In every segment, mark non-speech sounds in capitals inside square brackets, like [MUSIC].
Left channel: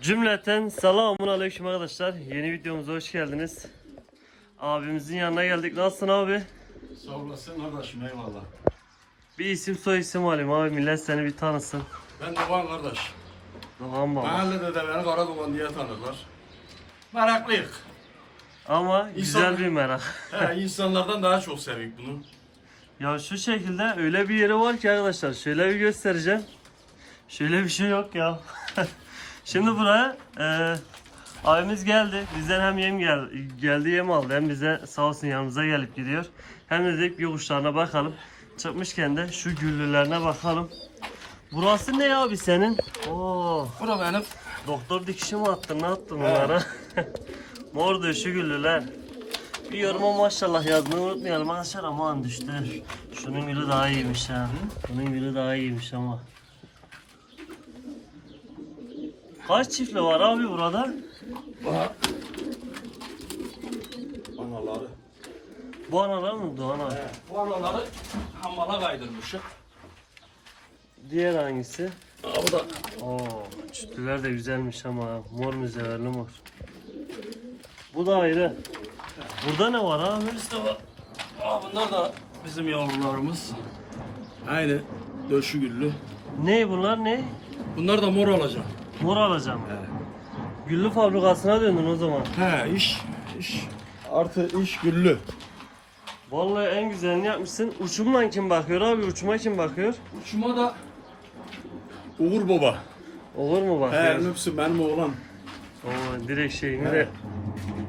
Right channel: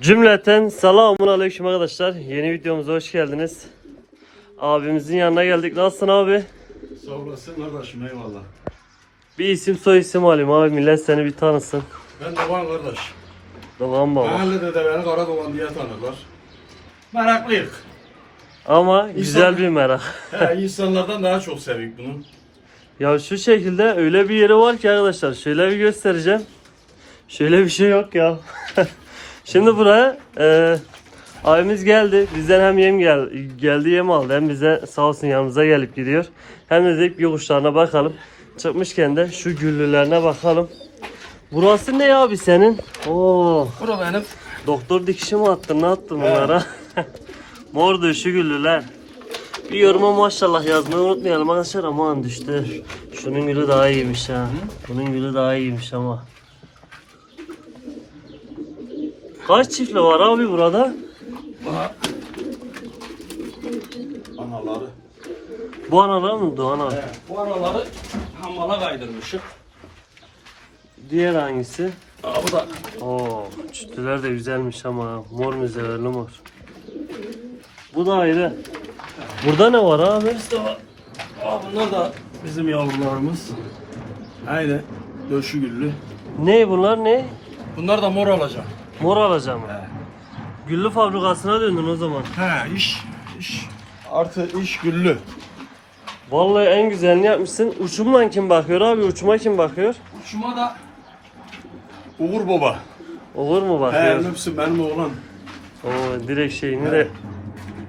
Cümleten selamun aleyküm arkadaşlar. Yeni videomuza hoş geldiniz. Abimizin yanına geldik. Nasılsın abi? Sağ olasın kardeşim eyvallah. Bir isim soy isim alayım abi. Millet seni bir tanısın. Ben Doğan kardeş. Doğan baba. Mahallede de beni Kara Doğan diye tanırlar. Meraklıyık. Ama güzel bir merak. [LAUGHS] He, insanlardan daha çok sevik bunu. Ya şu şekilde öyle bir yeri var ki arkadaşlar. Şöyle bir göstereceğim. Şöyle bir şey yok ya. [LAUGHS] Şimdi buraya e, abimiz geldi. Bizden hem yem gel, geldi yem aldı. Hem bize sağ olsun yanımıza gelip gidiyor. Hem de dedik bir kuşlarına bakalım. Çıkmışken de şu güllülerine bakalım. Burası ne abi senin? Oo, Bura benim. doktor dikişi mi attın? Ne attın bunlara? [LAUGHS] Mor döşü güllüler. Bir yoruma maşallah yazmayı unutmayalım arkadaşlar aman düştü. Şunun gülü daha iyiymiş ha. Bunun gülü daha iyiymiş ama. Kaç çiftli var abi burada? Anaları. Bu analar mı Doğan abi? Bu araları hamala kaydırmışım. Diğer hangisi? Aa, bu da Oo, çütüler de güzelmiş ama mor müzeverli mor. Bu da ayrı. Burada ne var abi? işte var. Aa, bunlar da bizim yavrularımız. Aynı döşü güllü. Ne bunlar ne? Bunlar da mor olacak. Mor alacağım. He. Güllü fabrikasına döndün o zaman. He iş iş artı iş güllü. Vallahi en güzelini yapmışsın. Uçumla kim bakıyor abi? Uçuma kim bakıyor? Şuma da Uğur Baba. Olur mu He bakıyor? Lüpsün benim oğlan. Oo, direkt şeyini de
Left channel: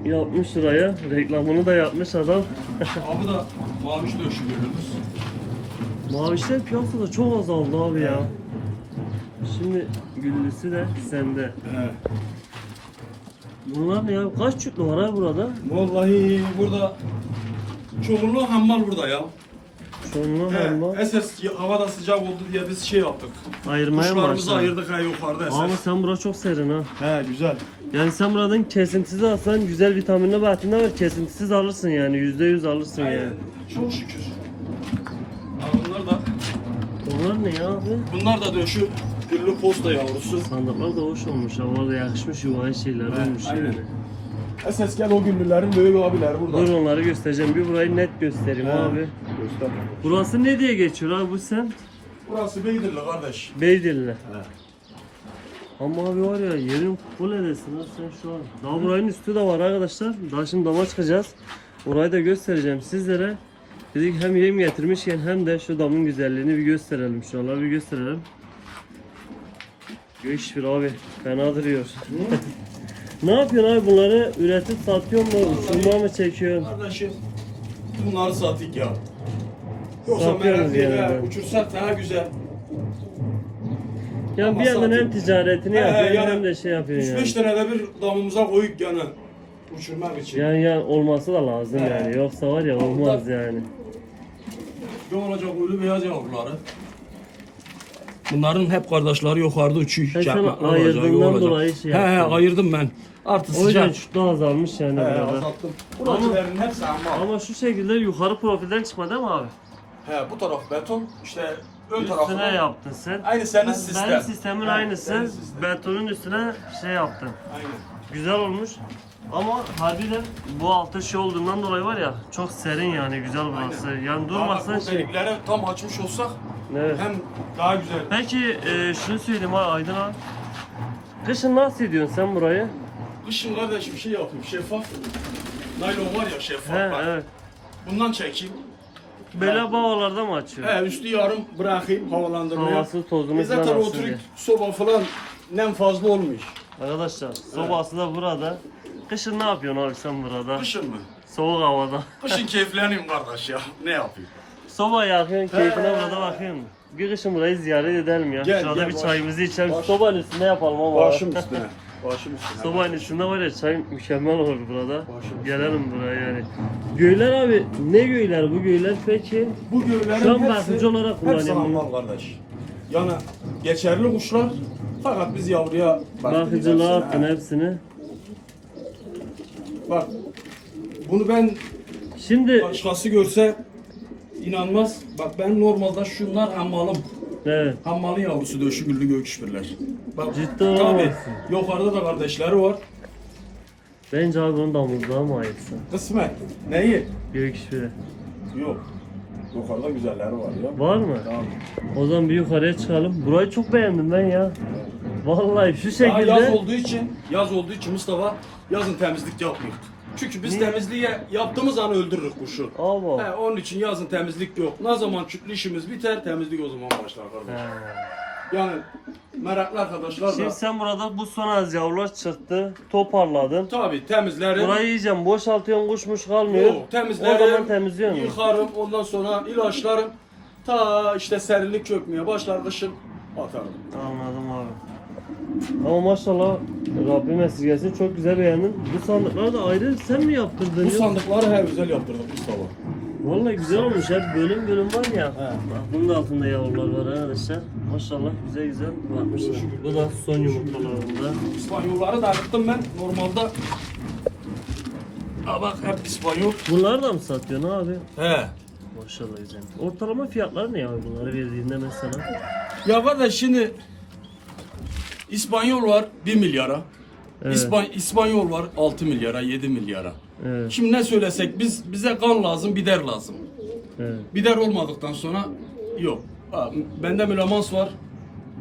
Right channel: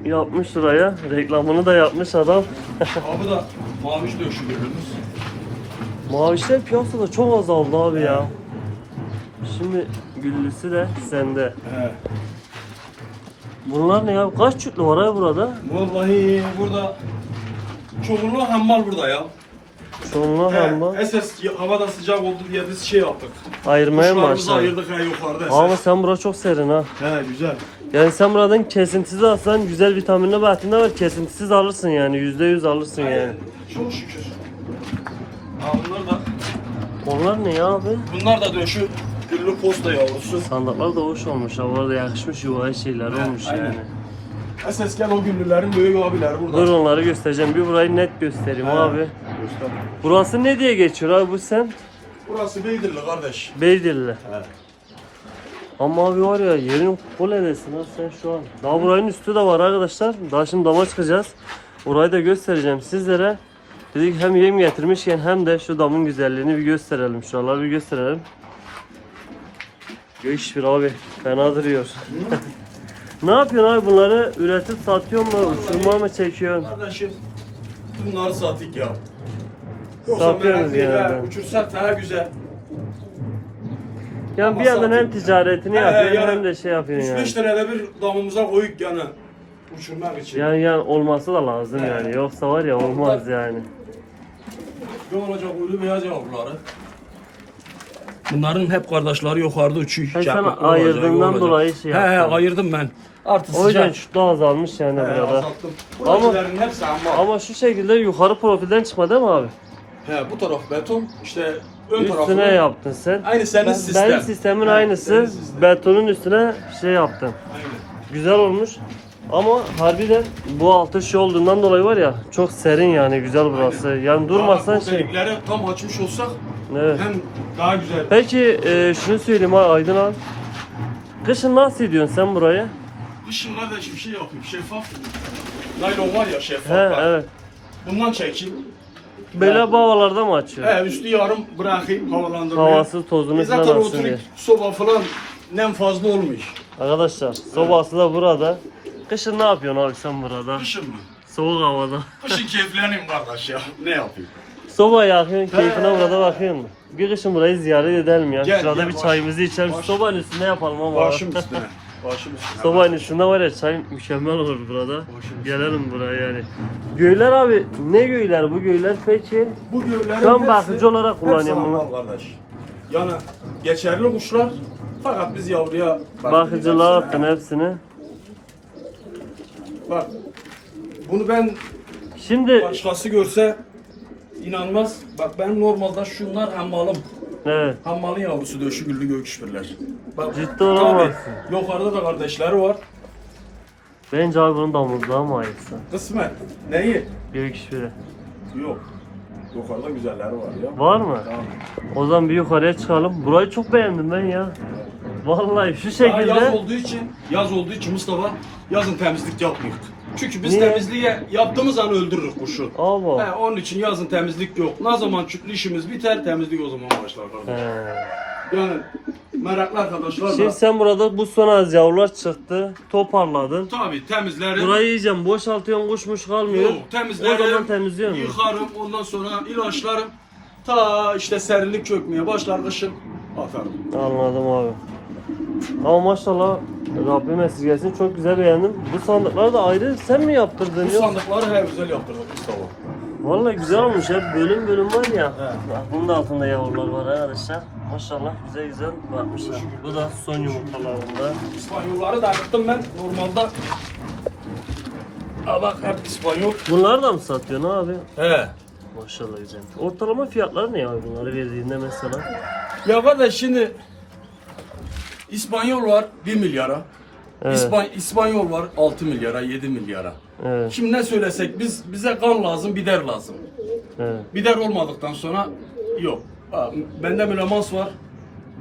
yapmış şuraya. Reklamını da yapmış adam. [LAUGHS] Abi da maviş döşü güllümüz. Mavişler piyasada çok azaldı abi ya. Şimdi güllüsü de sende. He. Bunlar ne ya? Kaç çütlü var abi burada? Vallahi burada çoğunluğu hammal burada ya. Çoğunluğu He, ama. Esas ya- havada sıcak oldu diye biz şey yaptık. Ayırmaya mı Kuşlarımızı başladın? ayırdık ha yukarıda esas. Ama sen bura çok serin ha. He güzel. Yani sen buradan kesintisiz alsan güzel vitaminli bahtinde var. Kesintisiz alırsın yani. Yüzde yüz alırsın yani. Çok şükür. Ha, bunlar da Onlar ne ya abi? bunlar da döşü güllü posta yavrusu. Sandıklar da hoş olmuş. Havalarda yakışmış yuvaya şeyler olmuş yani. Esasken o güllülerin büyük abileri burada. Dur onları göstereceğim. Bir burayı net göstereyim He. abi. Göster. Burası ne diye geçiyor abi bu sen? Burası Beydirli kardeş. Beydilli. He. Ama abi var ya yerin kol edesin ha sen şu an. Daha buranın üstü de var arkadaşlar. Daha şimdi dama çıkacağız. Orayı da göstereceğim sizlere. Dedik hem yem getirmişken hem de şu damın güzelliğini bir gösterelim. Şuraları bir gösterelim. Bir abi. Fena duruyor. ne yapıyorsun abi bunları üretip satıyor mu? Uçurma mı çekiyorsun? Kardeşim bunları sattık ya. Yoksa Satıyoruz merak değil yani. ha. Uçursak daha güzel. Yani bir yandan hem ticaretini He, yapıyorsun yani hem de şey yapıyorsun 3-5 yani. tane de bir damımıza koyuk yani. Uçurmak için. Yani yani olması da lazım He. yani. Yoksa var ya olmaz yani. Ne olacak ölü beyaz yavruları. Bunların hep kardeşleri yukarıda uçuyor. sen Çakmaklı olacak, ayırdığından olacak. dolayı şey He he yaptın. ayırdım ben. Artı O yüzden sıcak. şu da azalmış yani He, burada. azalttım. Ama- Buradakilerin hepsi. Ama şu şekilde yukarı profilden çıkma değil mi abi? He bu taraf beton. işte ön tarafı. Üstüne yaptın sen. Aynı senin Ben- sistem. Benim sistemin He, aynısı. senin sistem. Betonun üstüne şey yaptım. Aynen. Güzel olmuş. Ama harbiden bu altı şey olduğundan dolayı var ya çok serin yani güzel burası. Yani durmasan delikleri tam açmış olsak Evet. hem daha güzel. Peki e, şunu söyleyeyim ha Aydın abi. Kışın nasıl ediyorsun sen burayı? Kışın kardeşim bir şey yapayım şeffaf. Naylon var ya şeffaf. He bak. evet. Bundan çekeyim. Böyle bağlarda mı açıyor? He üstü yarım bırakayım havalandırmaya. Havasız tozunu E zaten oturup soba falan nem fazla olmuş. Arkadaşlar sobası da burada. Kışın ne yapıyorsun abi sen burada? Kışın mı? Soğuk havada. Kışın keyifleneyim kardeş ya. Ne yapayım? Soba yakıyorsun, keyfine burada bakıyorsun. Bir kışın burayı ziyaret edelim ya. Gel, Şurada gel, bir baş- çayımızı içelim. baş- Sobanın üstünde yapalım ama. Başım üstüne. Başım üstüne. Sobanın üstünde var ya çay mükemmel olur burada. Başım. Gelelim buraya yani. Göyler abi ne göyler bu göyler peki? Bu gövlerin Şu an bakıcı olarak kullanıyorum bunu. kardeş. Yani geçerli kuşlar fakat biz yavruya Bakıcılığa hepsine. attın hepsini. Bak bunu ben Şimdi başkası görse inanmaz. Bak ben normalde şunlar hammalım. Evet. Hammalın yavrusu döşü güllü göküşbirler. Bak, Ciddi tabii, olamazsın. yukarıda da kardeşleri var. Bence abi bunun damızlığa mı ayırsa? Kısmet. Neyi? Gök işbiri. Yok. Yukarıda güzelleri var ya. Var mı? Tamam. O zaman bir yukarıya çıkalım. Burayı çok beğendim ben ya. Vallahi şu Daha yaz şekilde. olduğu için, yaz olduğu için Mustafa yazın temizlik yapmıyoruz. Çünkü biz Niye? temizliği yaptığımız an öldürürüz kuşu. Allah. He, onun için yazın temizlik yok. Ne zaman çüklü işimiz biter, temizlik o zaman başlar kardeşim. He. Yani meraklı arkadaşlar Şimdi da sen burada bu son az yavrular çıktı. Toparladın. tabii temizlerim. Burayı yiyeceğim. Boşaltıyorum kuşmuş kalmıyor. Yok, temizlerim, temizliyor musun? yıkarım, ondan sonra ilaçlarım. Ta işte serinlik çökmeye başlar kışın atarım. Anladım abi. Ama maşallah Rabbim esirgesin çok güzel beğendim. Bu sandıkları da ayrı sen mi yaptırdın? Bu Yok. sandıkları her güzel yaptırdık Mustafa. Vallahi güzel olmuş hep bölüm bölüm var ya. Bak bunun da altında yavrular var arkadaşlar. Maşallah güzel güzel bakmışlar. Bu da son yumurtalarında. İspanyolları da yaptım ben normalde. Ha bak hep İspanyol. Bunları da mı satıyorsun abi? He. Maşallah güzel. Ortalama fiyatları ne abi bunları verdiğinde mesela? Ya kardeş şimdi İspanyol var 1 milyara. Evet. İspan- İspanyol var 6 milyara, 7 milyara. Evet, Şimdi ne söylesek biz bize kan lazım, bider lazım. evet. Bider olmadıktan sonra yok. Ha, bende mülemans var.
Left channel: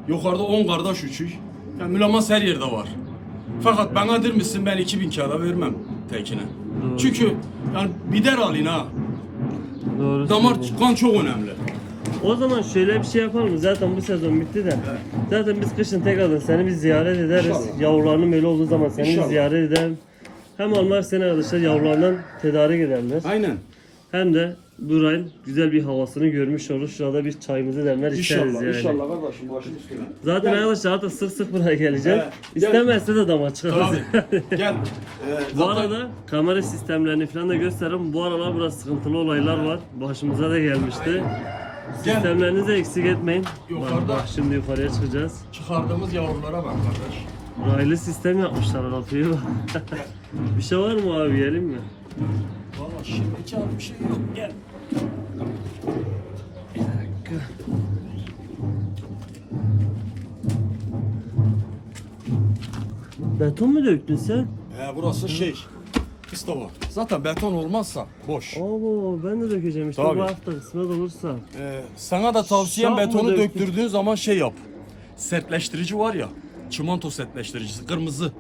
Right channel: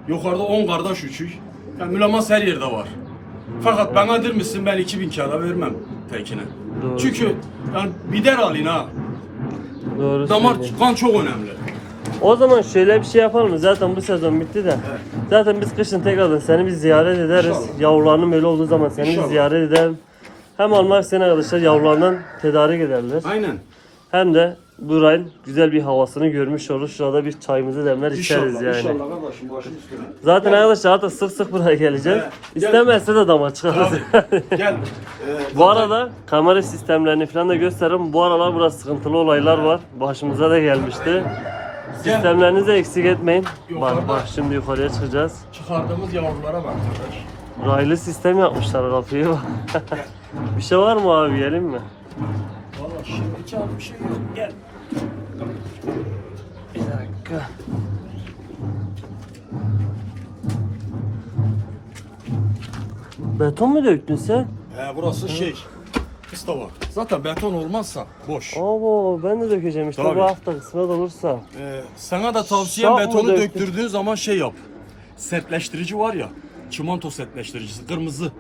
Yukarıda 10 kardeş üçük. Yani mülemans her yerde var. Fakat bana der misin ben 2000 kağıda vermem tekine. Doğru. Çünkü yani bider alın ha. Doğru Damar kan çok önemli. O zaman şöyle bir şey yapalım? Zaten bu sezon bitti de. Zaten biz kışın tekrardan seni bir ziyaret ederiz. İnşallah. Yavrularının böyle olduğu zaman seni bir İnşallah. ziyaret edelim. Hem almak isteyen arkadaşlar yavrularından tedarik ederler. Aynen. Hem de burayın güzel bir havasını görmüş olur. Şurada bir çayımızı demler içeriz İnşallah, yani. inşallah kardeşim başın üstüne. Zaten arkadaşlar hatta sık sık buraya geleceğiz. Evet. İstemezse de dama çıkarız. Abi, [LAUGHS] gel. Ee, Bu arada kamera sistemlerini falan da gösteririm. Bu aralar burada sıkıntılı olaylar var. Başımıza da gelmişti. Sistemlerinizi eksik etmeyin. Bak Yukarıda. bak şimdi yukarıya çıkacağız. çıkardığımız yavrulara bak kardeş. Raylı sistem yapmışlar kapıyı [LAUGHS] bir şey var mı abi yiyelim mi? Valla şimdi çağır bir şey yok. Gel. Bir dakika. Beton mu döktün sen? He burası şey. Mustafa. Zaten beton olmazsa boş. Oo ben de dökeceğim işte Tabii. bu hafta kısmet olursa. Ee, sana da tavsiyem Şah betonu döktürdüğün zaman şey yap. Sertleştirici var ya. Çimento sertleştiricisi kırmızı.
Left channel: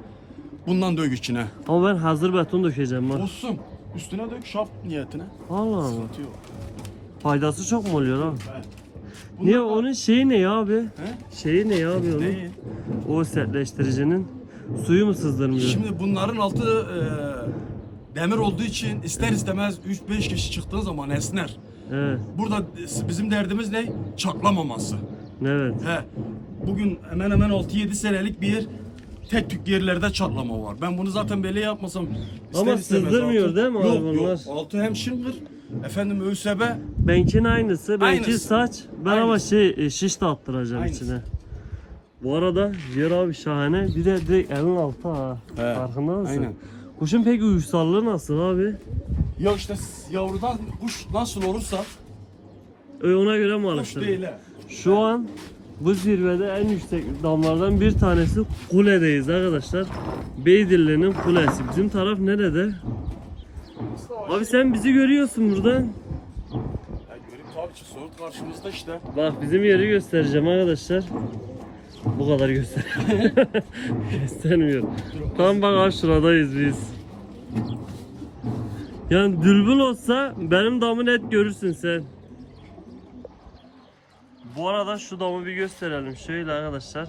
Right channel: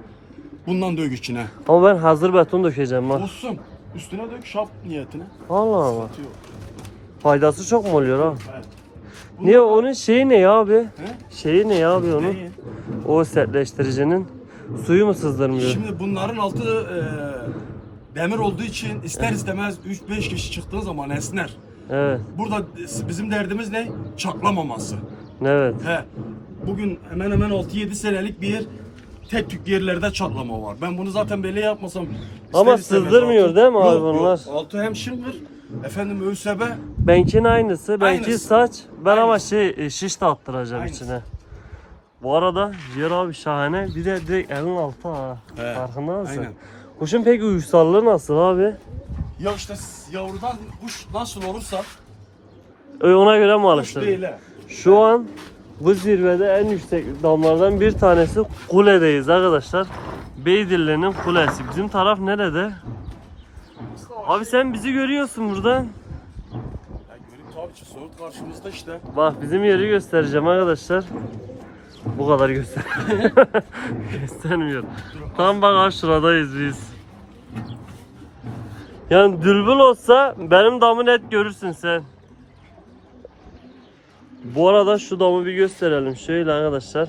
Bundan dök içine. Ama ben hazır beton dökeceğim bak. Olsun. Üstüne dök şap niyetine. Allah Allah. Atıyor. Faydası çok mu oluyor ha? Evet. Niye onun şeyi ne ya abi? He? Şeyi ne ya abi onun? Neyi? O sertleştiricinin suyu mu sızdırmıyor? Şimdi bunların altı e, demir olduğu için ister istemez 3-5 kişi çıktığı zaman esner. Evet. Burada bizim derdimiz ne? Çatlamaması. Evet. He. Bugün hemen hemen 6-7 senelik bir yer tek tük yerlerde çatlama var. Ben bunu zaten böyle yapmasam Ama sızdırmıyor altı- değil mi abi Yok, bunlar? Yok. Altı hem şıngır, efendim ÖSB. Benkin aynısı. Benki Aynısı. saç. Ben ama Aynısı. şey e, şiş de attıracağım Aynısı. içine. Bu arada yer abi şahane. Bir de direkt elin altı ha. He, Farkında mısın? aynen. Kuşun peki uysallığı nasıl abi? Ya işte yavrudan kuş nasıl olursa Ö, Ona göre mi kuş alıştırdın? değil he. Şu an bu zirvede en yüksek damlardan bir tanesi kuledeyiz arkadaşlar. Beydilli'nin kulesi. Bizim taraf nerede? Abi sen bizi görüyorsun buradan. Yani görüp tabii ki soğuk karşımızda işte. Bak bizim yeri göstereceğim arkadaşlar. Bu kadar göster. [LAUGHS] Göstermiyor. Tam bak ha şuradayız biz. Yani dürbün olsa benim damı net görürsün sen. Bu arada şu damı bir gösterelim. Şöyle arkadaşlar.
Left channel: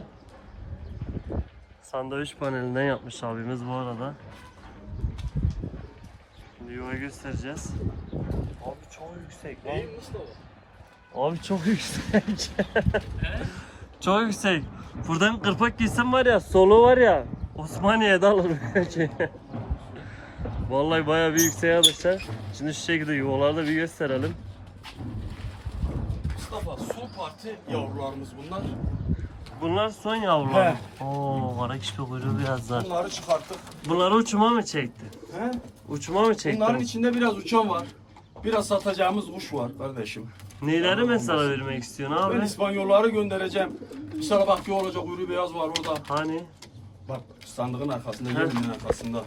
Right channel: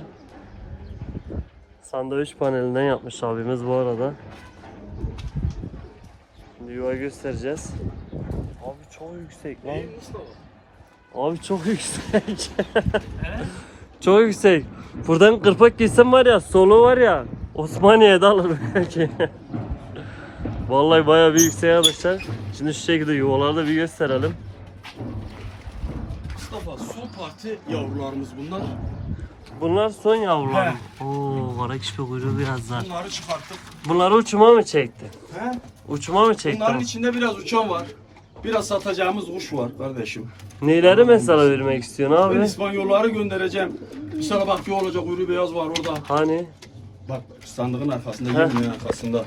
Sandviç panelinden yapmış abimiz bu arada. Yuva göstereceğiz. Abi çok yüksek lan. Abi çok yüksek. [LAUGHS] çok yüksek. Buradan kırpak giysem var ya, solu var ya. Osmaniye'de alın belki. [LAUGHS] Vallahi bayağı bir yüksek arkadaşlar. Şimdi şu şekilde yuvalarda bir gösterelim. Mustafa son parti yavrularımız bunlar. Bunlar son yavrular. He. Oo, kara kişi kuyruğu biraz daha. Bunları çıkarttık. Bunları uçuma mı çekti? He? Uçuma mı çekti? Bunların içinde biraz uçan var. Biraz satacağımız kuş var kardeşim. Neleri mesela vermek istiyorsun Ben abi? İspanyolları göndereceğim. Sana bak bir olacak uyru beyaz var orada. Hani? Bak sandığın arkasında, yemin arkasında.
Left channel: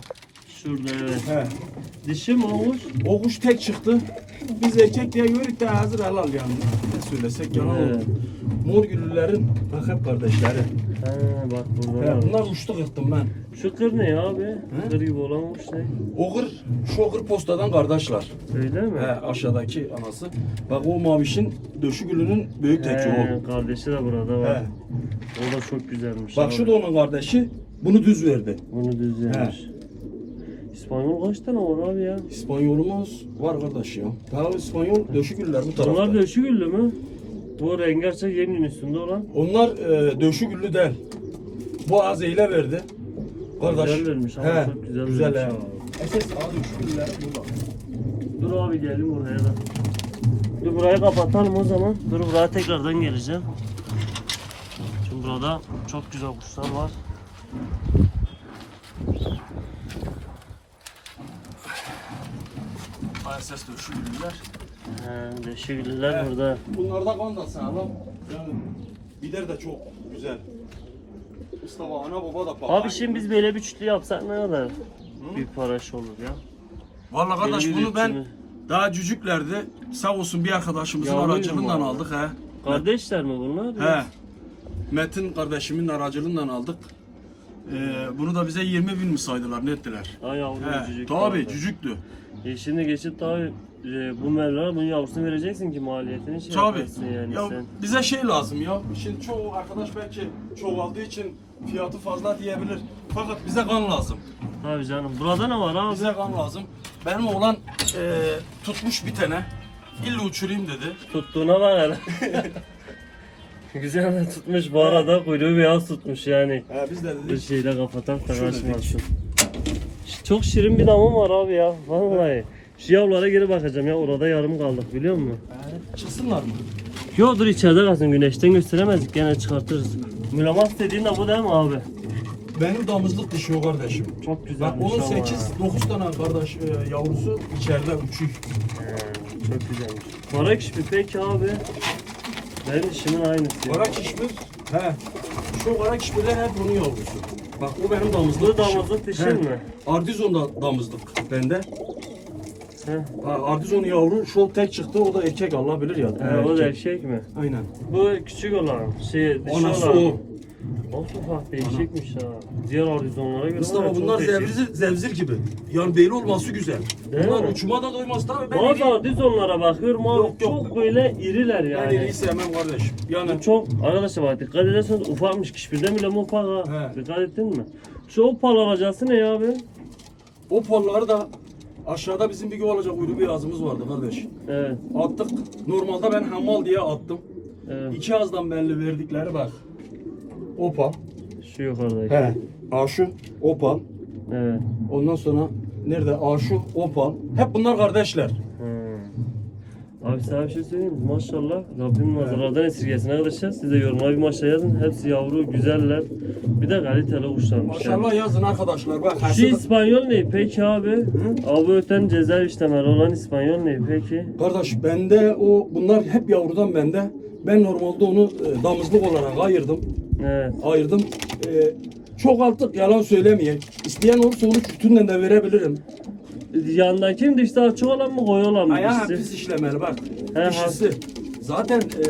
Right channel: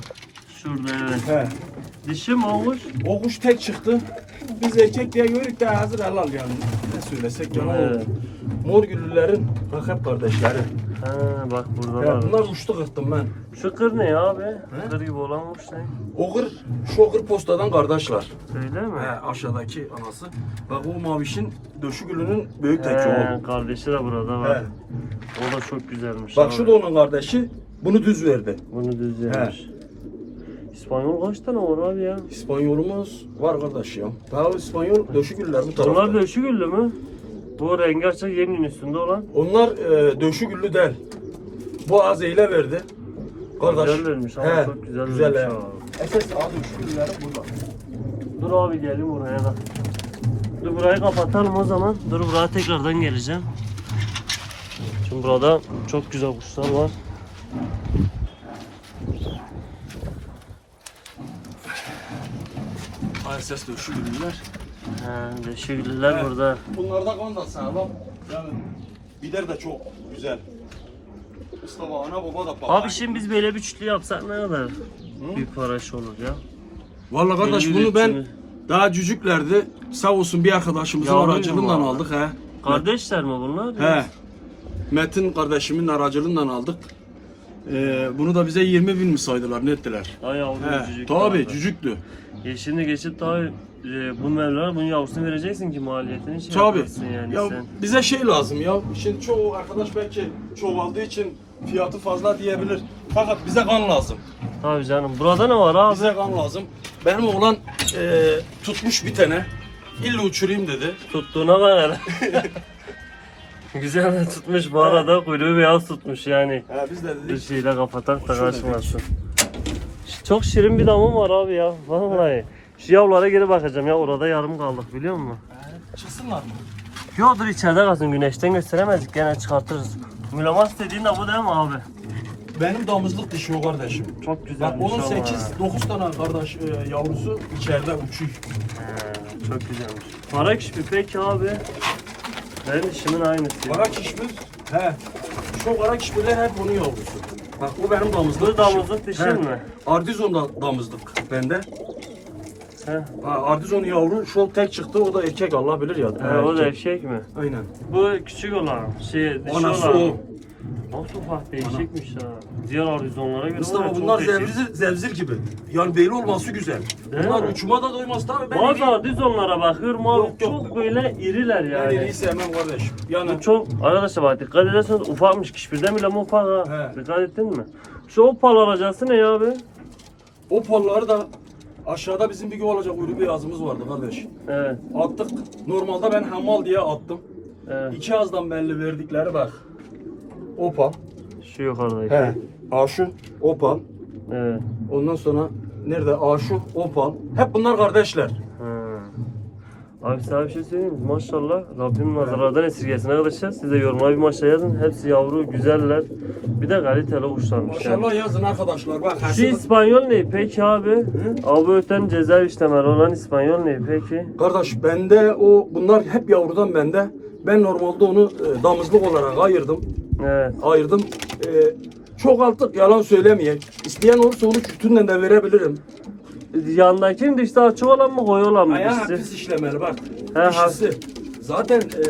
Şurada evet. He. Dişi mi olmuş? O kuş tek çıktı. Biz erkek diye görük de hazır helal yani. Ne söylesek yalan Evet. olur. Mor güllülerin bak hep kardeşleri. Ha bak burada He, var. bunlar uçtu kırttım ben. Şu kır ne abi? Kır gibi olanmış ne? O kır, şu kır postadan kardeşler. Öyle mi? He, aşağıdaki anası. Bak o mavişin döşü gülünün büyük teki He, o. kardeşi de burada var. He. O da çok güzelmiş. Bak abi. şu da onun kardeşi. Bunu düz verdi. Bunu düz yapmış. İspanyol kaç tane var abi ya? İspanyolumuz var kardeş ya. Daha İspanyol döşü güller bu tarafta. Bunlar döşü güllü mü? Bu rengi açık yemin üstünde olan. Onlar e, döşü güllü değil. Bu azeyle verdi. Kardeş. Güzel vermiş ama He, çok güzel güzel vermiş he. abi. Esas adı döşü gülleri burada. Dur abi gelin buraya da. Dur burayı kapatalım o zaman. Dur buraya tekrardan geleceğim. Şimdi burada çok güzel kuşlar var. Esas döşü güller. He, döşü güllüler burada. Bunlarda kan da sana bak. Yani bider de çok güzel. Mustafa ana baba da pahalı. Abi şimdi biz böyle bir çütlü yapsak ne kadar? Büyük paraş olur ya. Vallahi kardeş bunu ben daha cücüklerdi. Sağ olsun bir arkadaşımızın Yavruydu aracılığından aldık he. Kardeşler mi bunlar? He. Metin kardeşimin aracılığından aldık. Ee, bunu da bize 20 bin mi saydılar ne ettiler? Ay He. cücük Tabi var. cücüktü. E şimdi geçip tabi e, bu mevlana bunun yavrusunu vereceksin ki maliyetini şey Tabi. yaparsın yani Ya sen. bize şey lazım ya. Şimdi çoğu arkadaş belki çoğaldığı için fiyatı fazla diyebilir. Fakat bize kan lazım. Tabii canım. Burada ne var abi? Bize kan lazım. Benim oğlan e, tutmuş bir tane. İlla uçurayım dedi. Tuttuğuna bak hele. [LAUGHS] Güzel de tutmuş bu arada kuyruğu beyaz tutmuş yani. He biz de Bir dedik. şeyle kapatak da Şöyle kaçmasın. Çok şirin bir damım var abi ya. Vallahi. Şu yavrulara geri bakacağım ya orada yarım kaldık biliyor musun? Çıksınlar mı? Yo dur içeride kalsın güneşten gösteremezdik gene çıkartırız. Mülamas dediğin de bu değil mi abi? Benim damızlık dişi o kardeşim. Çok güzel. Bak onun 8-9 tane kardeş e, yavrusu içeride uçuyor. Çok güzelmiş. Kara kişi peki abi. Benim işimin aynısı. Kara kişmir. He. Şu kara kişmirler hep onun yavrusu. Bak o benim damızlık Bu damızlık dişi He. mi? Ardizon da damızlık bende. He. Ha, Ardizon yavru şu tek çıktı o da erkek Allah bilir ya. He, o da eşek mi? Aynen. Bu küçük olan, şey dişi Anası olan. o. Bak değişikmiş ha. Diğer horizonlara göre Mustafa bunlar zevzir, zevzir gibi. Yani belli olması güzel. Değil bunlar mi? uçuma da doymaz tabii. Ben Bazı iri, horizonlara bakıyorum abi Yok, yok. çok böyle iriler ben yani. iriyi sevmem kardeş. Yani Bu çok arkadaşlar bak dikkat ederseniz ufakmış kişbirden bile ufak ha. He. Dikkat ettin mi? Şu opal alacaksın ne ya abi? o polları da aşağıda bizim bir gün olacak uyru bir yazımız vardı kardeş. Evet. Attık. Normalde ben hamal diye attım. evet. İki ağızdan belli verdikleri bak. Opal. Şu yukarıdaki. He. Aşu, opal. Evet. Ondan sonra nerede? Aşu, opal. Hep bunlar kardeşler. Abi sana bir şey söyleyeyim mi? Maşallah Rabbim nazarlardan esirgesin arkadaşlar. Siz de yorumlara bir maşallah yazın. Hepsi yavru, güzeller. Bir de kaliteli kuşlarmış yani. Maşallah yazın arkadaşlar. Bak Şu İspanyol ne peki abi? Abi öten ceza işlemeli olan İspanyol ne peki? Kardeş bende o bunlar hep yavrudan bende. Ben normalde onu e, damızlık olarak ayırdım. Evet. Ayırdım. E, çok artık yalan söylemeyeyim. İsteyen olursa onu kütünden de verebilirim. Yandaki mi dişte açık olan mı koyu olan mı Ayağı dişi? pis işlemeli bak. He, Dişisi. Zaten e,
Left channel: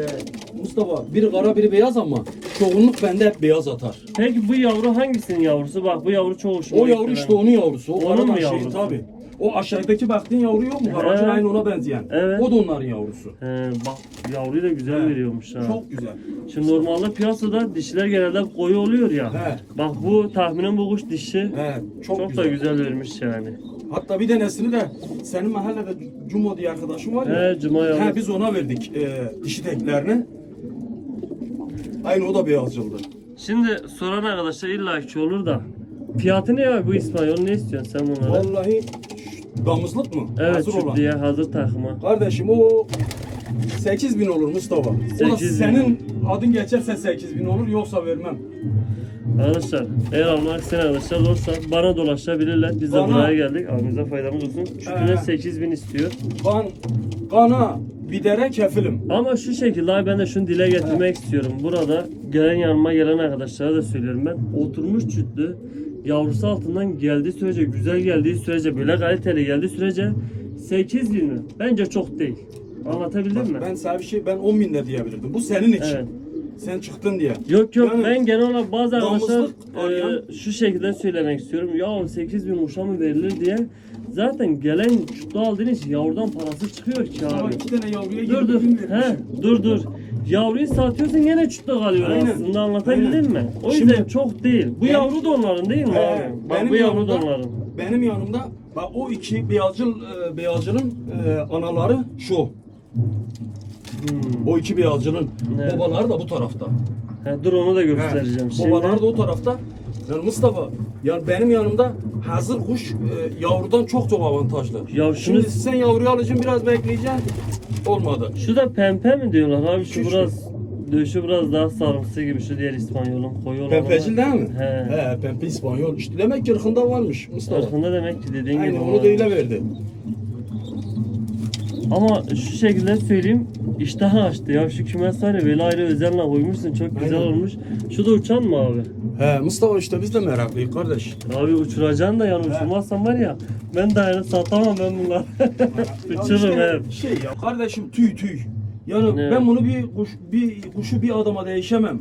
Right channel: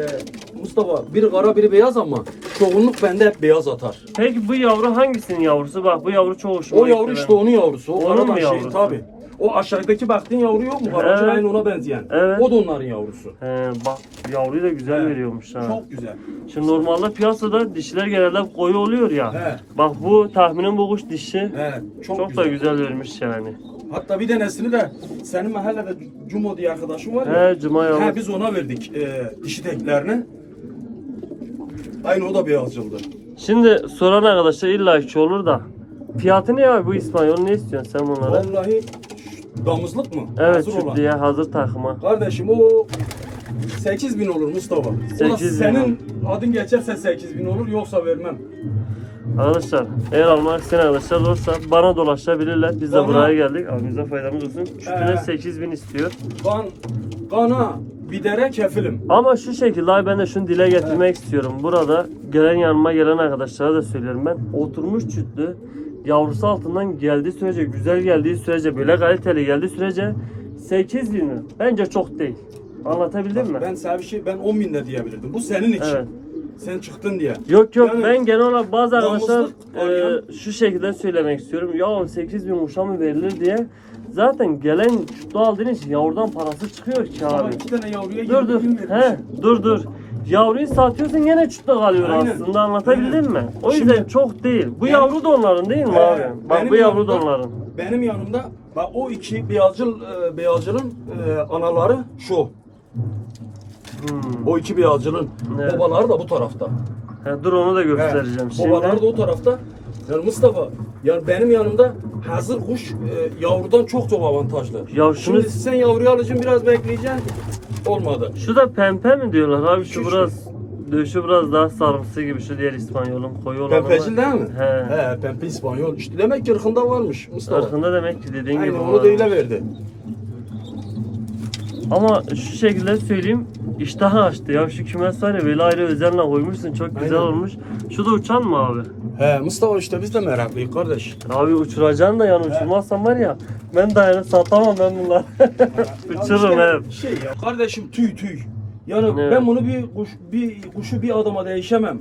Mustafa biri kara biri beyaz ama çoğunluk bende hep beyaz atar. Peki bu yavru hangisinin yavrusu? Bak bu yavru çok hoşuma O yavru işte benim. onun yavrusu. O Onun karadan mu şey yavrusu? tabi. O aşağıdaki baktığın yavru yok mu? He. aynı ona benzeyen. Evet. O da onların yavrusu. He, bak yavruyu da güzel He. veriyormuş ha. Çok güzel. Şimdi normalde piyasada dişiler genelde koyu oluyor ya. He. Bak bu tahminim bu kuş dişi. He, çok, Çok, güzel. da güzel vermiş yani. Hatta bir tanesini de senin mahallede Cumo diye arkadaşın var ya. He cuma yavru. He, biz ona verdik e, dişi teklerini. Aynı o da beyazcıldı. Şimdi soran arkadaşlar illa ki olur da. Fiyatı ne abi bu İspanyol ne istiyorsun sen bunlara? Vallahi damızlık mı? Evet Hazır olan. diye hazır takıma. Kardeşim o 8 bin olur Mustafa. O da 8.000 senin adın geçerse 8 bin olur yoksa vermem. Arkadaşlar eğer almak isteyen arkadaşlar olursa bana dolaşabilirler. Biz de Bana- buraya geldik. Abi bize faydamız olsun. Çütüne Ee. 8000 istiyor. Kan, kana, bir dere kefilim. Ama şu şekilde abi ben de şunu dile getirmek istiyorum. Burada gelen yanıma gelen arkadaşlara da söylüyorum ben. Oturmuş çütlü yavrusu altından geldiği sürece, güzel geldiği sürece, böyle kaliteli geldiği sürece 8 bin mi? Bence çok değil. Anlatabildim mi? Ben sana bir şey, ben 10 bin de diyebilirdim. Bu senin için. Evet. Sen çıktın diye. Yok yok Yani ben genel olarak bazı arkadaşlar e, şu şekilde söylemek istiyorum. Ya 8 bin kuşa mı verilir diye. Zaten gelen çutlu aldığın için yavrudan parası çıkıyor ki Ama abi. iki tane yavruya Dur 20 dur. He, dur dur. Yavruyu satıyorsun gene çutta kalıyor Aynen. aslında anlatabildim Aynen. mi? O yüzden Şimdi- çok değil. Bu Ben- yavru da onların değil mi He, abi? Bak bu yavru da onların. Benim yanımda bak o iki beyazcıl e, beyazcılın e, anaları şu. Hmm. O iki beyazcılın Evet. babaları da bu tarafta. He, dur onu da göstereceğim. He, Şimdi da o tarafta. Yani Mustafa, yani benim yanımda hazır kuş e, yavrudan çok çok avantajlı. Ya şunu- Şimdi sen yavruyu alacaksın biraz bekleyeceksin. Olmadı. şu da pempe mi diyorlar abi? Şu biraz döşü biraz daha sarımsı gibi şu diğer İspanyol'un koyu olanı. Pempecil değil mi? He. He, pempe İspanyol. İşte demek ki ırkında varmış Mustafa. Irkında demek ki dediğin gibi. Aynen onu var. da öyle verdi. Ama şu şekilde söyleyeyim iştah açtı ya şu kümes var ya böyle ayrı özenle koymuşsun çok güzel Aynen. olmuş. Şu da uçan mı abi? He Mustafa işte biz de meraklıyız kardeş. Abi uçuracaksın da yani uçurmazsan var ya ben dayanıp satamam ben bunları. Uçururum Ya hep. işte Şey ya kardeşim tüy tüy. Yani Evet. ben bunu bir kuş bir kuşu bir adama değişemem.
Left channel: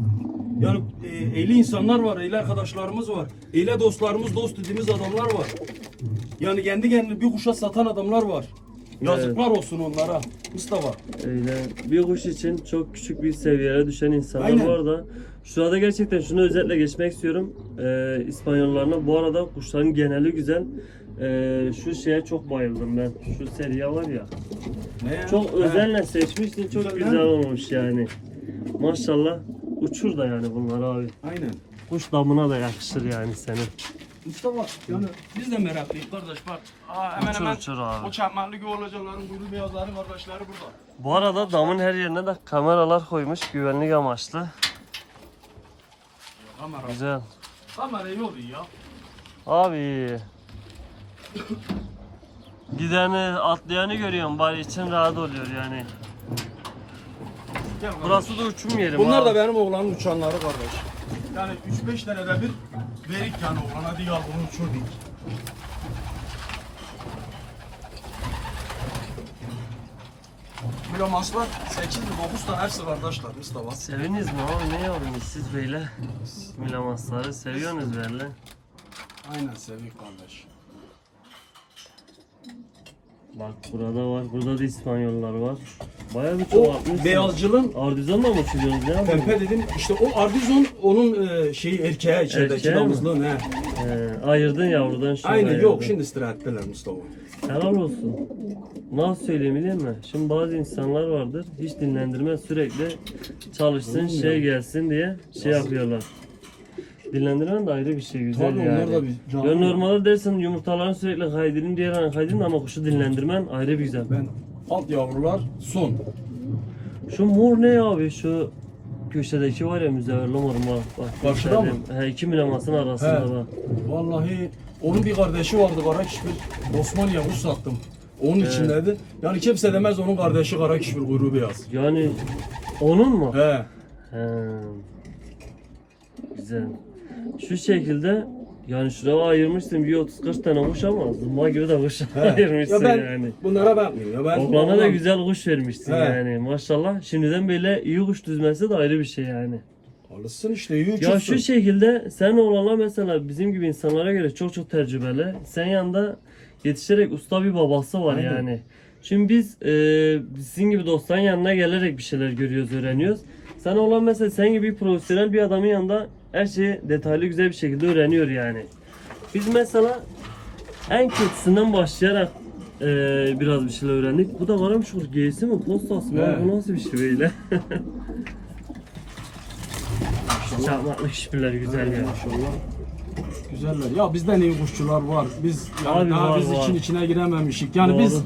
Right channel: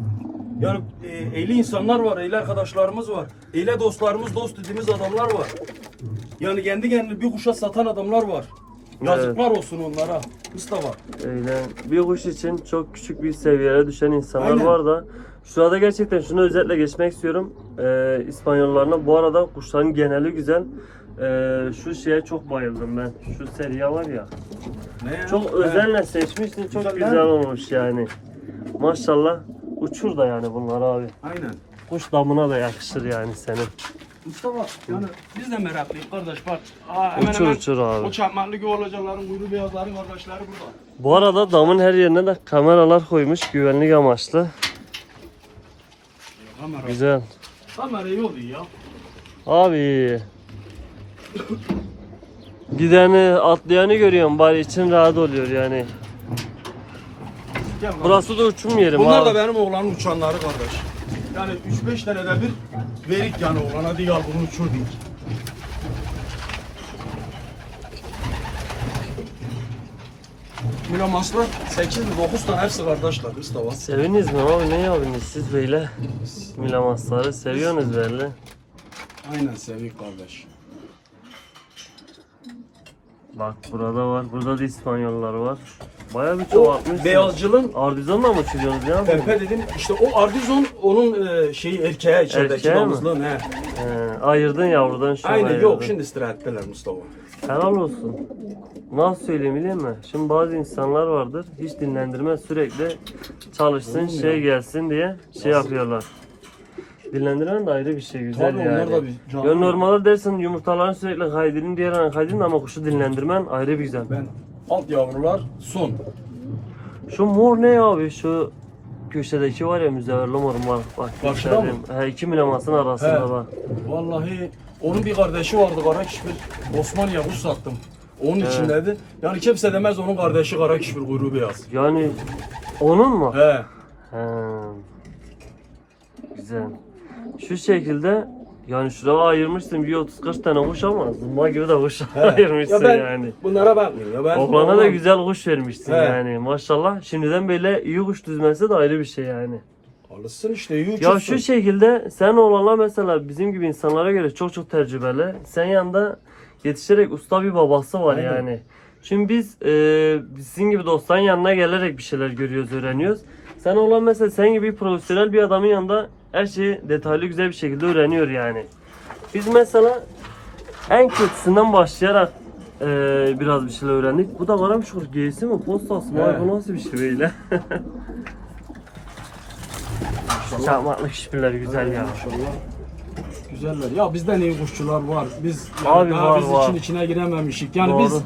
Yani e, ehli insanlar var, ehli arkadaşlarımız var. Ehli dostlarımız, dost dediğimiz adamlar var. Yani kendi kendine bir kuşa satan adamlar var. Yazıklar olsun onlara. Mustafa. Öyle bir kuş için çok küçük bir seviyeye düşen insanlar Aynen. var da Şurada gerçekten şunu özetle geçmek istiyorum. Ee, İspanyollarına bu arada kuşların geneli güzel. Ee, şu şeye çok bayıldım ben. Şu seriye var ya. Ne ya? Çok özenle seçmişsin. Çok Güzel, güzel olmuş yani. Maşallah uçur da yani bunlar abi. Aynen. Kuş damına da yakışır yani senin. Mustafa yani biz de meraklıyız kardeş bak. Aa, hemen Uçur hemen uçur abi. O çakmaklı güvercinlerin, kuyruğu beyazların kardeşleri burada. Bu arada damın her yerine de kameralar koymuş güvenlik amaçlı. Kamera. Güzel. Kamera iyi oluyor ya. Abi. Gideni atlayanı görüyorum bari için rahat oluyor yani. Gel kardeş. Burası da uçum yeri Bunlar abi. da benim oğlanın uçanları kardeş. Yani 3-5 tane de bir verik yani oğlana değil al bunu uçur değil. Mülamaslar 8-9 tane hepsi kardeşler Mustafa. Seviniz mi abi ne yapıyorsunuz siz böyle? Milamasları seviyorsunuz belli. Aynen sevik kardeş. Bak burada var. Burada da İspanyollar var. Bayağı bir O çoğaltmışsın. beyazcılın Ardizonla mı uçuruyorsunuz ya? Pempe dedim işte o Ardizon onun e, şeyi erkeğe içerideki Erkeğe mi? damızlığın he. He, ayırdın yavrudan şu Aynen ayırdın. yok şimdi istirahatteler Mustafa. Helal olsun. Nasıl söyleyeyim biliyor musun? Şimdi bazı insanlar vardır hiç dinlendirmez sürekli çalışsın Olur mu şey ya? gelsin diye şey yapıyorlar. Dinlendirmen de ayrı bir şey güzel Tabii, yani. onlar da bir canlı. Ya normalde dersin yumurtaların sürekli kaydırın diğer an kaydırın ama kuşu dinlendirmen ayrı bir güzel. Ben alt yavrular son. Şu mor ne abi şu köşedeki var ya müzeverli mor var. Bak, Karşıda mı? He iki milamasın arasında He. bak. Vallahi onun bir kardeşi vardı Karakişpir. Osman Yavuz sattım. Onun içindeydi. Yani kimse demez onun kardeşi Karakişpir kuyruğu beyaz. Yani onun mu? He. He. Güzel. Şu şekilde yani şuraya ayırmışsın bir 30-40 tane kuş ama zımba gibi de kuş ayırmışsın ya ben yani. bunlara bakmıyorum. Ya ben Oğlana da güzel kuş vermişsin He. yani maşallah. Şimdiden böyle iyi kuş düzmesi de ayrı bir şey yani. Alışsın işte iyi uçursun. Ya şu şekilde sen oğlanla mesela bizim gibi insanlara göre çok çok tecrübeli. Sen yanında yetişerek usta bir babası var Aynen. yani. Şimdi biz e, sizin gibi dostların yanına gelerek bir şeyler görüyoruz, öğreniyoruz. Sen olan mesela sen gibi profesyonel bir adamın yanında her şeyi detaylı güzel bir şekilde öğreniyor yani. Biz mesela en kötüsünden başlayarak e, biraz bir şeyler öğrendik. Bu da varmış şu giysi mi, postası mı? Evet. Bu nasıl bir şey böyle? [LAUGHS] Çakmaklık işbirleri güzel ya. Maşallah. Güzeller. Ya bizden iyi kuşçular var. Biz yani Abi daha var, biz var. için içine girememişik. Yani Doğru. biz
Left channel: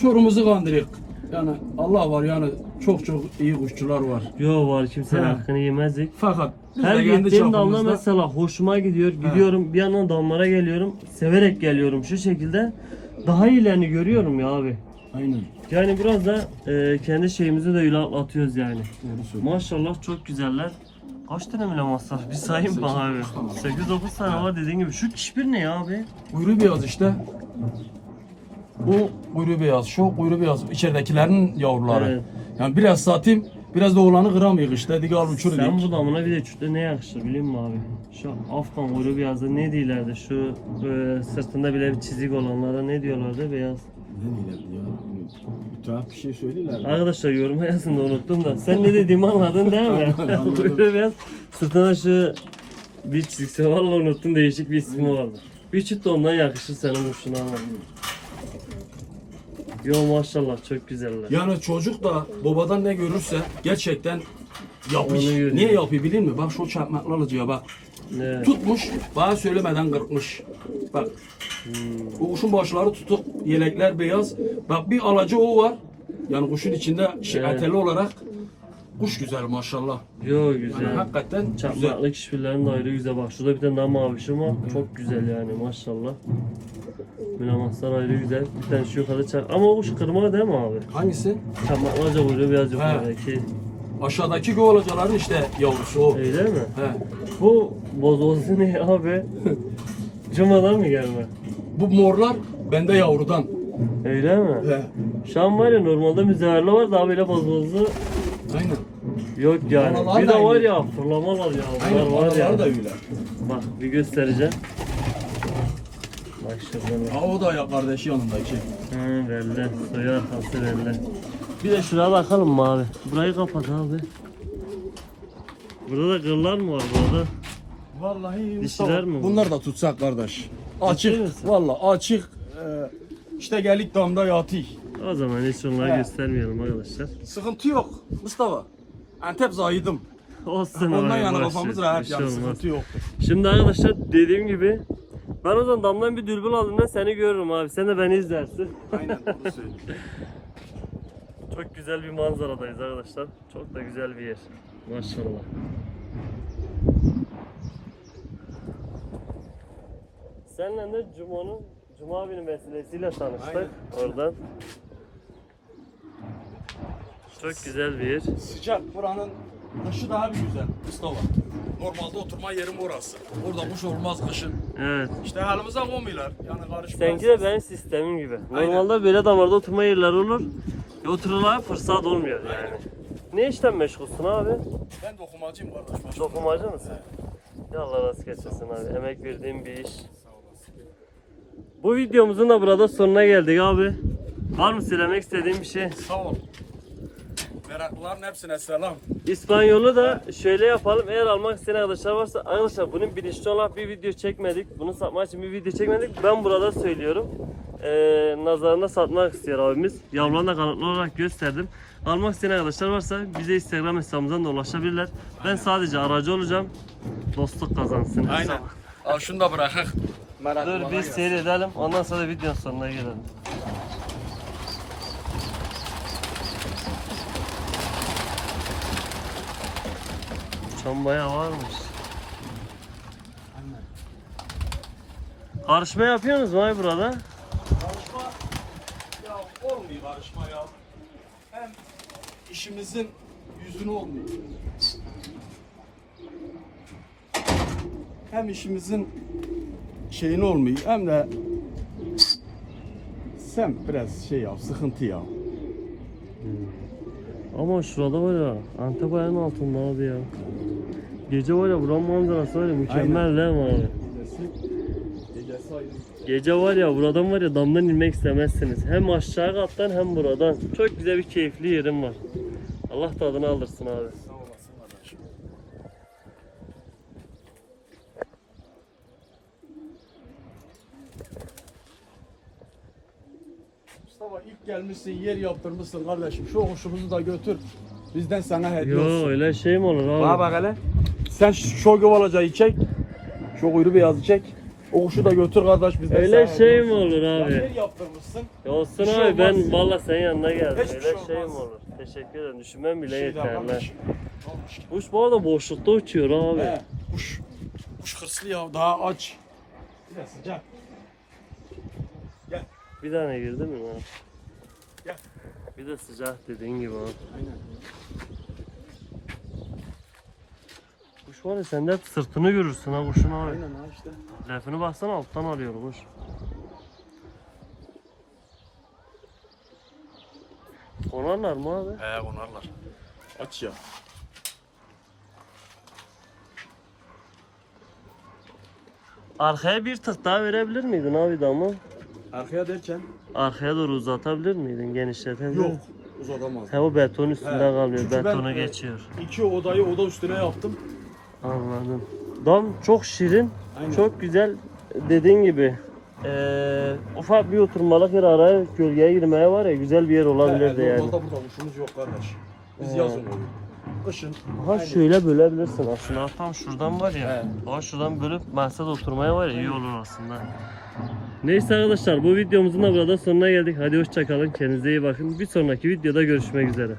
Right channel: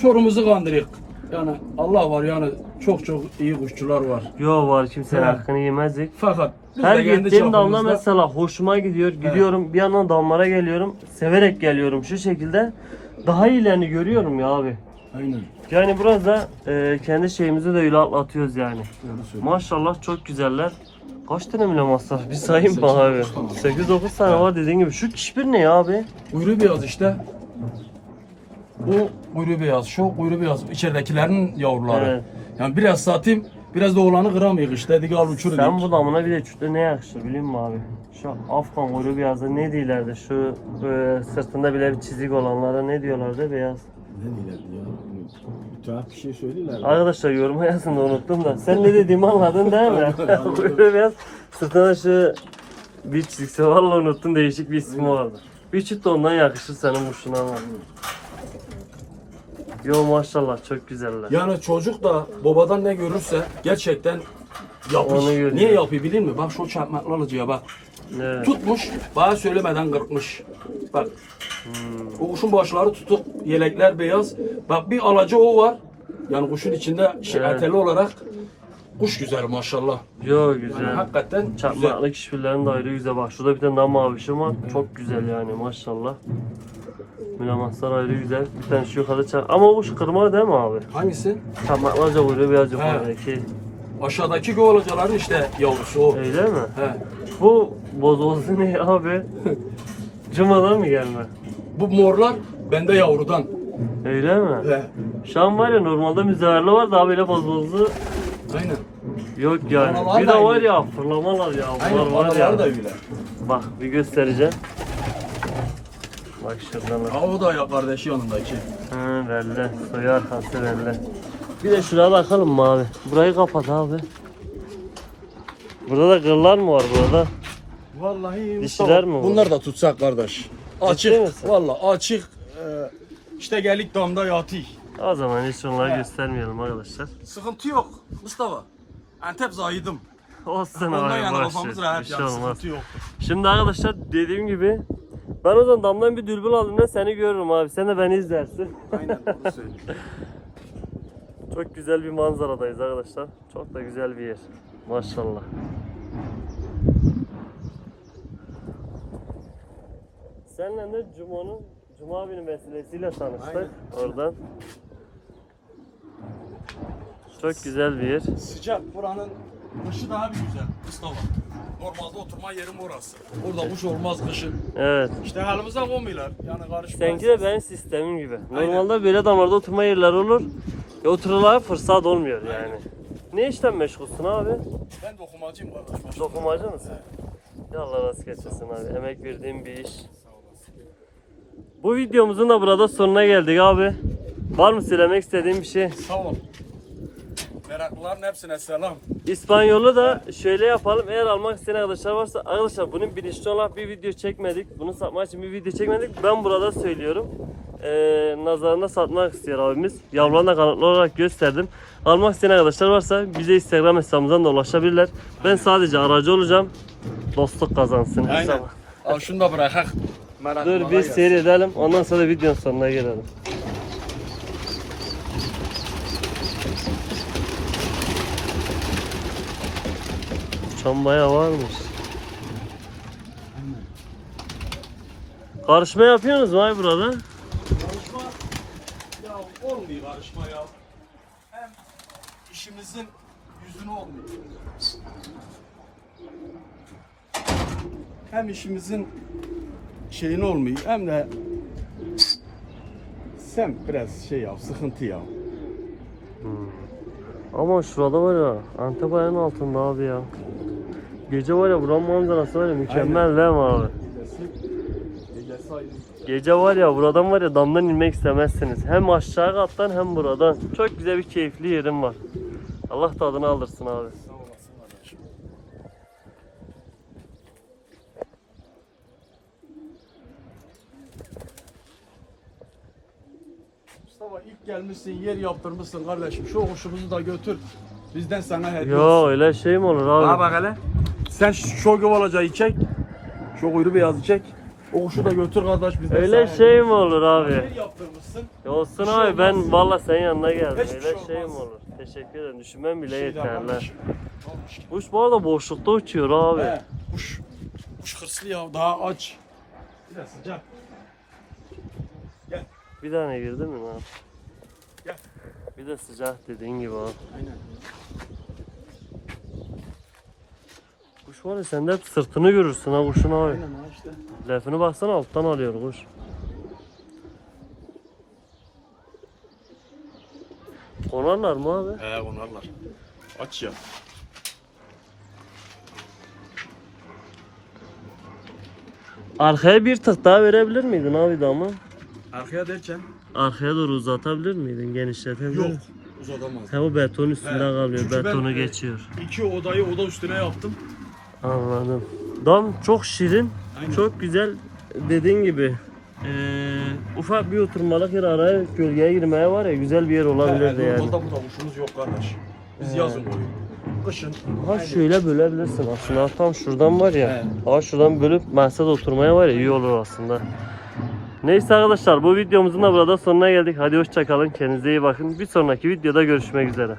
çorumuzu kandırık. Yani Allah var yani çok çok iyi kuşçular var. Yo var kimsenin He. hakkını yemezdik. Fakat Biz Her de kendi gittiğim damla çapımızda- mesela hoşuma gidiyor. Gidiyorum bir yandan damlara geliyorum. Severek geliyorum şu şekilde. Daha iyilerini görüyorum ya abi. Aynen. Yani biraz da e, kendi şeyimizi de öyle atlatıyoruz yani. Doğru söylüyorsun. Maşallah çok güzeller. Kaç tane bile masraf? Bir sayayım mı abi? 8-9 tane var dediğin gibi. Şu kişbir ne ya abi? Kuyruğu beyaz işte. Bu kuyruğu beyaz, şu kuyruğu beyaz. İçeridekilerin yavruları. Evet. Yani biraz satayım, biraz da oğlanı kıramayız işte. Dedik al uçur Sen bu damına bir de çütle ne yakışır biliyor musun abi? Şu Afgan kuyruğu beyazı ne diyorlardı? Şu e, sırtında bile bir çizik olanlara ne diyorlardı beyaz? Ne diyorlardı ya? Tuhaf bir şey söylediler. Arkadaşlar yoruma yazın da unuttum da. Sen ne dediğimi anladın değil mi? [LAUGHS] Kuyruğu beyaz. Sırtında şu bir çizgisi valla unuttum değişik bir ismi vardı. Bir çift de ondan yakışır senin kuşuna ama. Yo maşallah çok güzeller. Yani çocuk da babadan ne görürse gerçekten. Onu görüyor. Niye yapıyor biliyor musun? Bak şu çarpmaklı alıcıya bak. Evet. Tutmuş, bana söylemeden kırpmış. Bak. Hmm. O kuşun başları tutuk, yelekler beyaz. Bak bir alacı o var. Yani kuşun içinde şey, Evet. eteli olarak kuş güzel maşallah. Yo Yani güzel. hakikaten güzel. Çakmaklı kişilerin de ayrı güzel. Bak şurada bir tane daha mavişim var. Çok güzel yani maşallah. Mülamaslar ayrı güzel. Bir tane şu yukarıda çak. Ama o şu kırma değil mi abi? Hangisi? Çakmaklarca kuyruğu biraz yukarıdaki. Aşağıdaki gövalacaların işte yavrusu o. Öyle mi? He. Bu bozuldu ne abi? [LAUGHS] Cuma'dan mı gelme? Bu morlar bende yavrudan. Öyle mi? He. Şu an var ya normalde müzeverli var daha böyle bozuldu. Aynen. Yok yani. Bir da de var aynı. ya fırlamalar ya. Aynen. Bunlar var ya. Da öyle. Bak bir göstereceğim. Bak şuradan. Ha o da ya kardeşi yanındaki. Hı belli. Soyu arkası belli. Bir de şuraya bakalım mı abi? Burayı kapat abi. Burada da kırlar mı var burada? Vallahi Dişiler mi bu? Bunlar da tutsak kardeş. Açık. Vallahi açık. Ee, işte gelik damda yatı. O zaman hiç onları He. göstermeyelim arkadaşlar. Sıkıntı yok Mustafa. Antep zahidim. Olsun Ondan abi yana boş kafamız ver, rahat bir şey yani olmaz. sıkıntı yok. Şimdi arkadaşlar dediğim gibi ben o zaman damdan bir dürbün aldığımda seni görürüm abi. Sen de beni izlersin. Aynen doğru [LAUGHS] söylüyorsun. Çok güzel bir manzaradayız arkadaşlar. Çok da güzel bir yer. Maşallah. Seninle de Cuma'nın Cuma abinin vesilesiyle tanıştık Aynen. oradan. Çok güzel bir yer. Sıcak buranın kışı daha bir güzel Mustafa. Normalde oturma yerim orası. Orada kuş olmaz kışın. Evet. İşte halimize olmuyorlar. Yani karışmaz. Seninki de benim sistemim gibi. Normalde böyle damarda oturma yerleri olur. Ya oturulaya fırsat olmuyor yani. Ne işten meşgulsün abi? Ben dokumacıyım kardeş. Dokumacı mısın? Ya Allah razı getirsin abi. Emek verdiğim bir iş. Bu videomuzun da burada sonuna geldik abi. Var mı söylemek istediğin bir şey? Sağ ol. Meraklıların hepsine selam. İspanyolu da şöyle yapalım. Eğer almak isteyen arkadaşlar varsa arkadaşlar bunun bilinçli olarak bir video çekmedik. Bunu satmak için bir video çekmedik. Ben burada söylüyorum. Ee, nazarına satmak istiyor abimiz. Yavrularını da kanıtlı olarak gösterdim. Almak isteyen arkadaşlar varsa bize Instagram hesabımızdan da ulaşabilirler. Ben sadece aracı olacağım. Dostluk kazansın. Aynen. Al şunu da bırakak. Dur bir seyredelim. Ondan sonra videonun sonuna gelelim. Uçan bayağı varmış. Karışma yapıyorsunuz mu ay burada? Karışma ya olmuyor karışma ya. Hem işimizin yüzünü olmuyor. Hem işimizin şeyini olmuyor hem de sen biraz şey yap, sıkıntı ya. Ama şurada var ya Antep ayağının altında abi ya. Gece var ya buranın manzarası var ya mükemmel değil mi abi? Gece var ya buradan var ya damdan inmek istemezsiniz. Hem aşağı kattan hem buradan. Çok güzel bir keyifli yerim var. Allah tadını aldırsın abi. Mustafa ilk gelmişsin, yer yaptırmışsın kardeşim. Şu hoşumuzu da götür. Bizden sana hediye Yo olsun. öyle şey mi olur abi? bak hele. Sen şu gövalacayı çek. Şu kuyruğu beyazı çek. O kuşu da götür kardeş biz de Öyle sana- şey mi olur abi? Yer yaptırmışsın. Olsun Bir şey abi ben olmaz. valla senin yanına geldim. Hiçbir Öyle şey şey mi olmaz. olur? Teşekkür ederim. Düşünmem bile Şey de yeterli. almış. Almış. Kuş bu arada boşlukta uçuyor abi. He, Kuş. Kuş hırslı ya daha aç. Biraz sıcak. Gel. Bir tane girdi mi lan? Gel. Bir de sıcak dediğin gibi abi. Aynen. Kuş var ya sen de sırtını görürsün ha kuşun abi. Lafını baksana alttan alıyor kuş. Konarlar mı abi? He onarlar. Aç ya. Arkaya bir tık daha verebilir miydin abi de ama? Arkaya derken Arkaya doğru uzatabilir miydin? Genişletebilir yok. Uzatamaz. He o beton üstünde kalmıyor. çünkü ben- Betonu geçiyor. İki odayı oda üstüne yaptım. Anladım. Dam çok şirin, Aynen. çok güzel. Dediğin gibi eee, ufak bir oturmalık yer araya gölgeye girmeye var ya güzel bir yer olabilirdi yani. Normalde burada kuşumuz yok kardeş. Biz yazın koyuyoruz. Kışın. Ha şöyle bölebilirsin aslında tam şuradan var ya. Ha şuradan bölüp masada oturmaya var ya iyi olur aslında. Neyse arkadaşlar bu videomuzun da burada sonuna geldik. Hadi hoşçakalın. Kendinize iyi bakın. Bir sonraki videoda görüşmek üzere.